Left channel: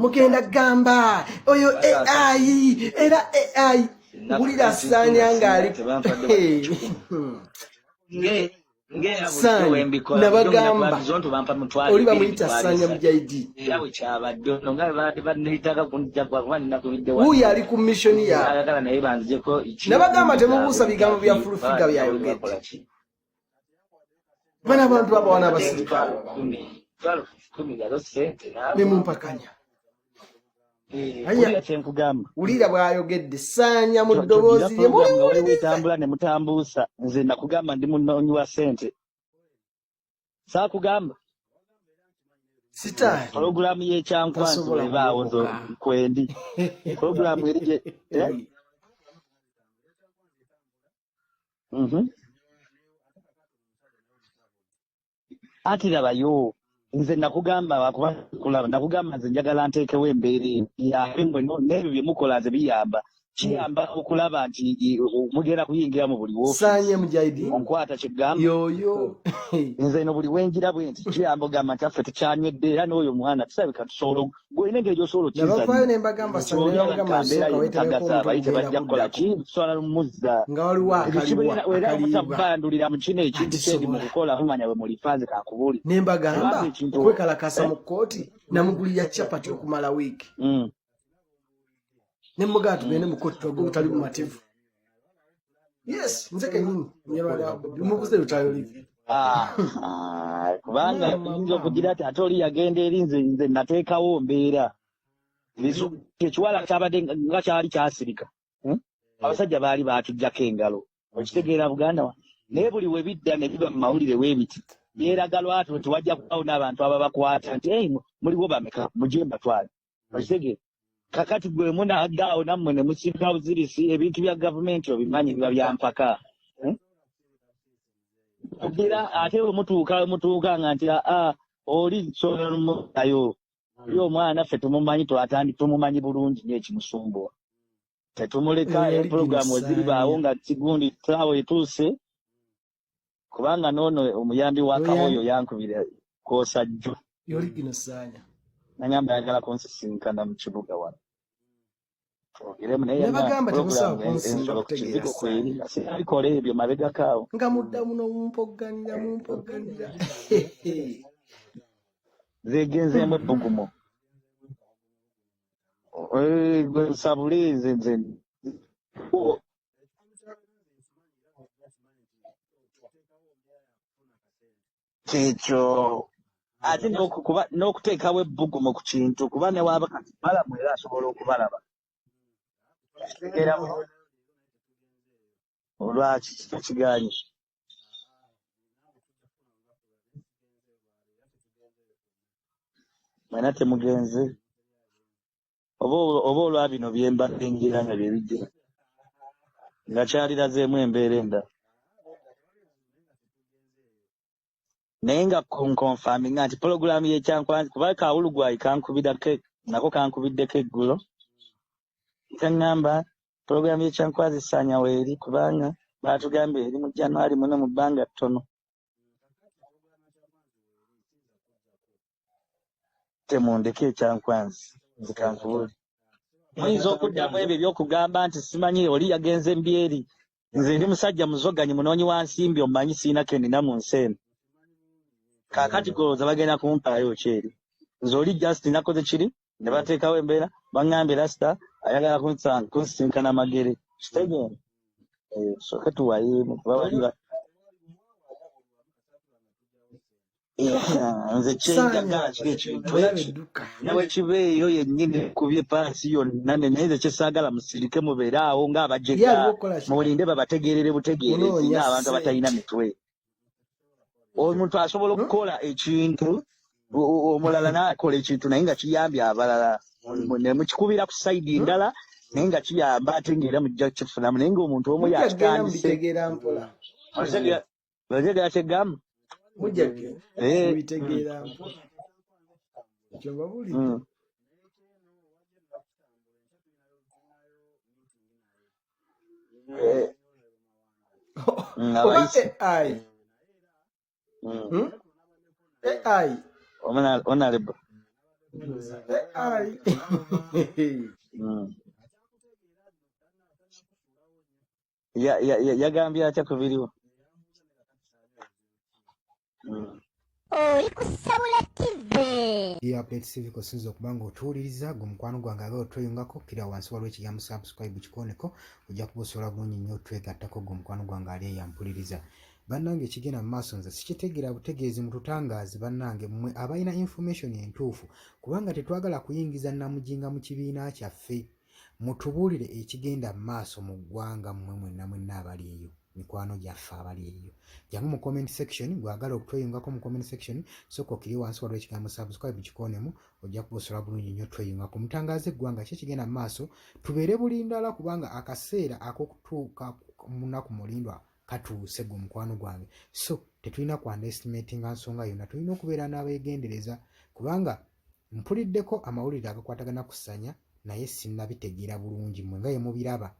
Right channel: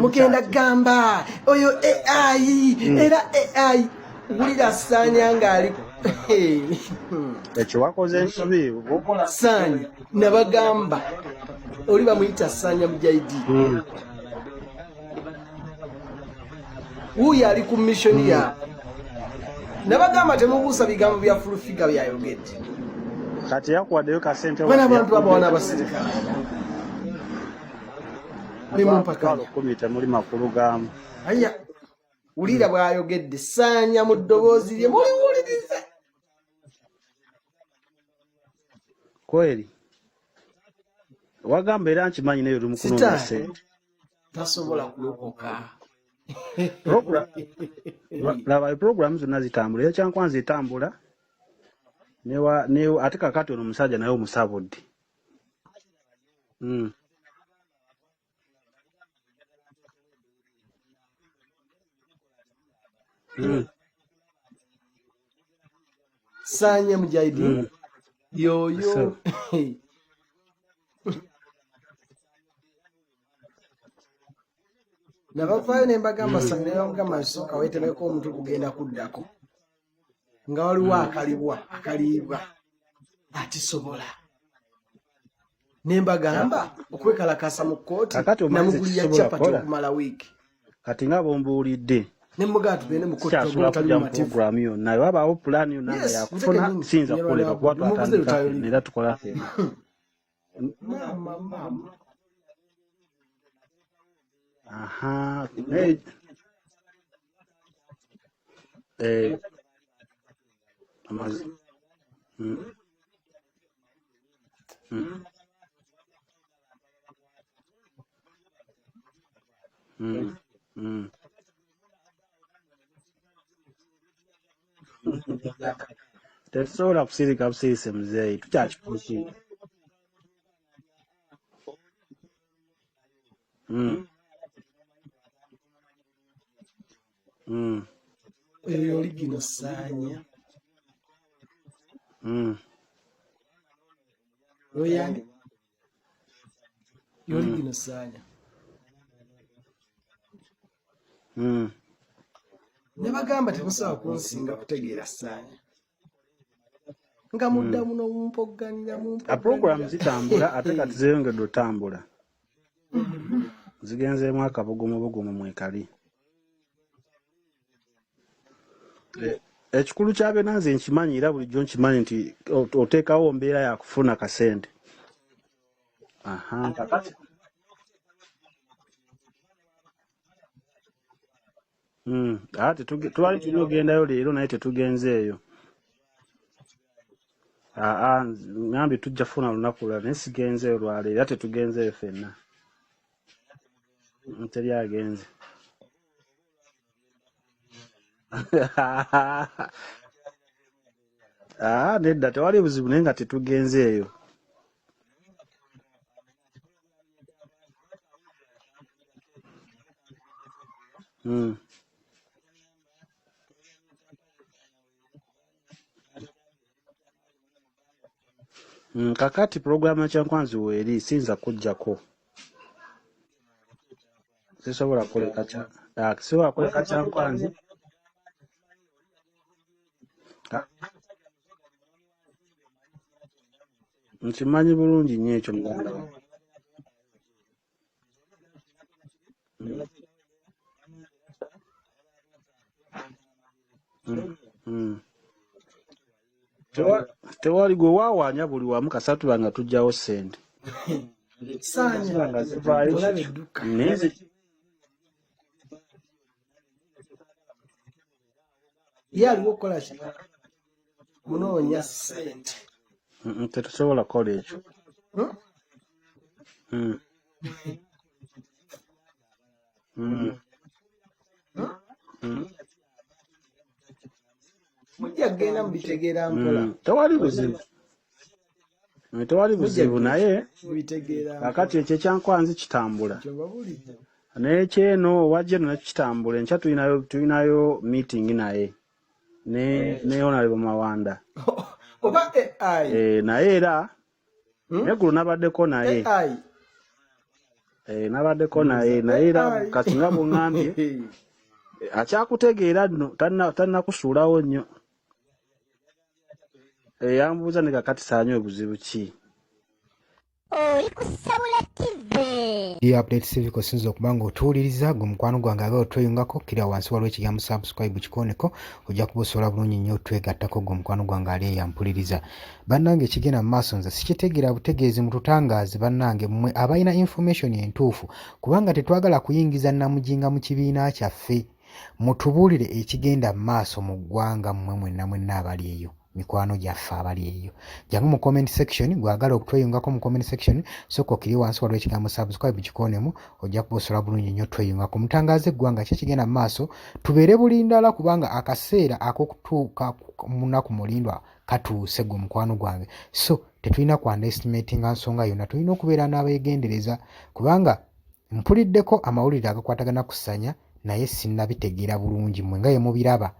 mugenda gamba oyo AI era AI ngulira Sanya ngali ekiwakoze ensobi Sanya nabagamba oli bamuyita Sanya Mujahidi uyu ali ku mission ya nabagamba temubuusa bigambo bya fulufiga byayogedde kati yakwaddeyo kasente bana abantu abo wana abasirikale nimumpakanya temuli makulu gamu aya ulira bwayogedde Sanya mu ddoboozi lye muliwuliriza ne mutambuusa nze nakugamba ndi munoonyi wa sente kweri saakugamba wagamba era nkimanyi nayo oli mukunonya sente programu y'ekyankwanzi ebaawo kwendi laba programu zonna zitambula ekyankwanzi etambula ate kakati ono omusajja naye omusabudde ati labayo nze nakugamba nze njagala nteekewo embeera yabe n'ebyo bye mukola nze biyamba kiyamba okulaba nti mugenda kuyingira mu buli woofiisi Sanya Mujahidi okwata kyegamba yoyo nze no buli wenjira bwe nti kiyamba ogamba nti affe tukyanywedde era n'oyo mwana tusabika tusobola gwolina engeri gy'osobola nabafaayo ne mbagamba Sanya nabagamba nsooka weetereko omuntu okugenda kuddako nga waliwo akaliibwa mu kino ekintu kyendi mu kukola mumanya bwe mulifanze kankubuli ne mbagamba okwekalakasa mu kkooti namugulira capati okumala wiiki kati nga bombuulidde nemugaa tugende mu kkooti togula tali mumativu programu yonna wabaawo pulaani yonna nga yakufuna siyinza kukoleka kuba tukola kubanga yinza okugira ati ate oli yagenda eri nze nateekawo mbeera ekiwala kyabadde nga kyali kyasirika abasajja baali batujjako engalo okitegeera Buganda wa naye buli we bidda ne biba mu mawulire w'ebiti yeeraga lwatu tewajja kubawo n'abantu ababakwata nti muliwo bameka mugye mbatwale okitegeera kakati gwe munaddaawo nammwe ne musirika buzirisi ebintu bya gavumenti obimanyi biba byampaka tetusobola kusirika busirisi muzeeyi tukyakikuusa ate we mutuuka nga nti oli solumuayo oli omwana ffe tumumanyi tumumanyi bulungi n'ekimusumbuwa tetumuleka pulogulaamu eziribaawo nga kigundi taawo etuuse kubanga noono omuyambi wa kamoyo yankubira koosajjo yoligino Sanya nangamba yagala kunsisinkana mu kibuga wano nebagamba temusobola kunsinga kutegeera abikola ebyo mabegakaawo nga muddamu n'omumpogganira programu zitambula ate kati zeeyongedde otambula zegenzeemu ebbugumu zigenzeemu akabugumu mwekali sabule nze ekikulu kya byonna nze nkimanyi era bulijjo nkimanyi nti oteekawo mbeera yakufuna kasente ekyo ate n'okuteekawo ebbugumu ku kintu kuba ne waaba kati balamu era asobola okubalaba ate twali tunogendayo leero naye tetugenzeeyo olwaki tekiganye ngambi tujja funa lunaku lula naye sigenzeeyo lwaleero era tetugenzeeyo ffenna mwena temugenze teri agenze oba olwa bino byembadde ngira nga byebijja nga kyalirazeemu embeera endala nedda tewali buzibu naye nga tetugenzeeyo naye nga nkonfaminga nti pulogulaamu y'ekyankwanzi kuba kawulugwayi nako kankubiddeko eggulo kaŋŋamba pulogulaamu y'ekyankwanzi Sanya weeri kubanga baatugamba eri mu January muno mu bbanga ttono kakati pulogulaamu y'ekyankwanzi weeri siyinza kujjako temundeke ekyankwanzi sisobola muyinza okuddamu ebyo ebyokugamba nti simanyi oli yagenze mbyeri nze ndi musajja muzoganyi munoonyi wa nsimbi omumanyi siina kendina mu nsi eno nkimanyi bulungi nnyo ekyo kaakati golowooza bagenda kumpaayo kyeri nze oli Justin nakoze kiri ne bateekawo embeera baŋŋambye Rasta ayagala kunsisinkana magere kitegeera soke tuwayeemu tewali gwe waawaanya buli wamu kasatu banga tujjawo ssente nze kyekibeeyo yennyini kubye paasi yonna naye nze kyesaagala musirike mubeere awo ng'abajega mulinde babategeerere butegeerezi ng'abantu abatalina mitwe tetusobola kukola ekyo omuntu asobola okukola ekintu omulala n'akola ekintu naye nga kiyambye abalala ne mukikubira ku sayidi ndala naye nga kiyamba ate ng'era mujja kifunamu naye ng'omuntu omu yakitandise bategeera kyegamba tewali buzibu naye kakati ekyo ekyankwanzi kitambula naye kyeno wajja eno nakyo kitambula enkya tulinayo meeting naye ne Honorable Mawanda naye era neggulu nabaddeko naye honorable nabaddeko naye era kati nga bw'ŋŋambye akyakutegeera nno tannakusuulawo nnyo. Yagambye atya ku biriwo? Yambuuza ne kakati saanywe buzibu ki. Oli ku Sabula TV. Updates ziriko sinza okuba ng'otuwuliriza gwe mukwano gwange abe otweyungako kira wansi waliwo ekigambo subscribe kikoneko ojja kuba osobola bulungi nnyo otwegattako gwe mukwano gwange ali eyampuliriza. Bannange ekigenda mu maaso nze sikitegeera butegeezi mututangaazi bannange mmwe abalina information entuufu kubanga tetwagala kuyingiza namujinga mu kibiina kyaffe. Mutubuulire ekigenda mu maaso mu ggwanga mmwe mwenna abali eyo. Mikwano gyaffe abali eyo jangu mu comment section gwagala okutweyungako mu comment section soko kiri wansi waliwo ekigambo subscribe kikonemu ojja kuba osobola bulungi nnyo tweyungako mutangaze eggwanga ki ekigenda mu maaso tubeere bulindala kubanga akaseera ak'okutuuka mu nnaku mulindwa katuuse gwe mukwano gwange so tetulina ku underestimatinga nsonga yonna tulina okubeera n'abeegendereza kubanga mpuliddeko amawulire agakwatagana ku ssanya naye sinnabitegeera bulungi mmwe nga ye mubiraba